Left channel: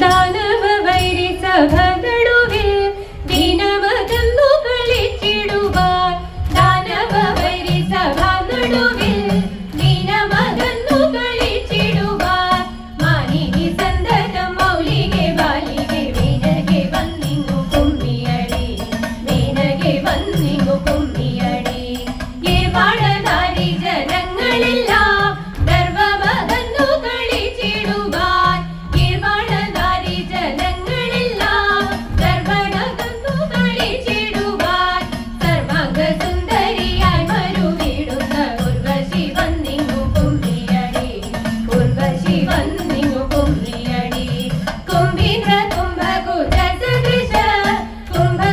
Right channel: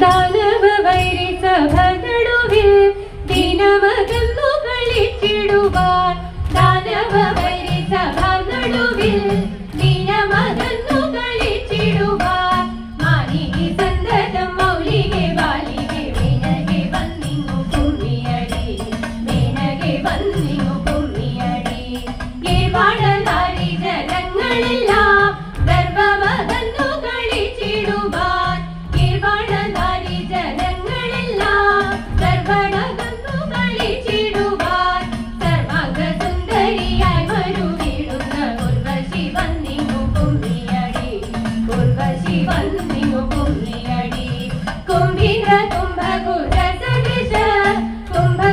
ദാനവ വൈരി സഭ നടുവിൽ ദിനമകന്നു കളിച്ചിടുവാൻ ദാനവ സഭ നടുവിൽ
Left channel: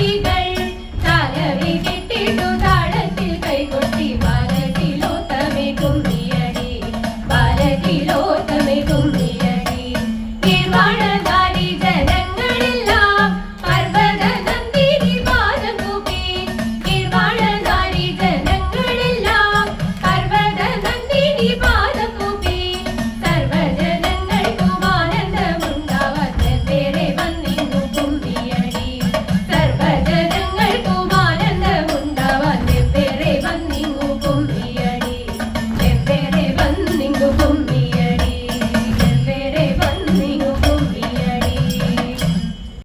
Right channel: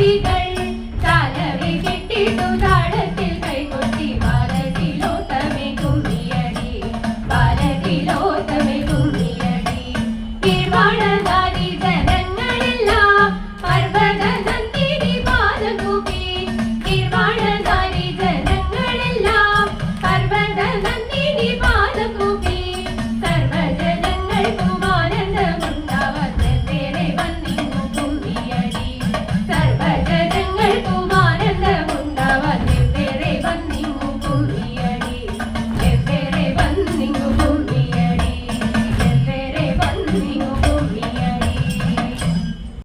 happy day.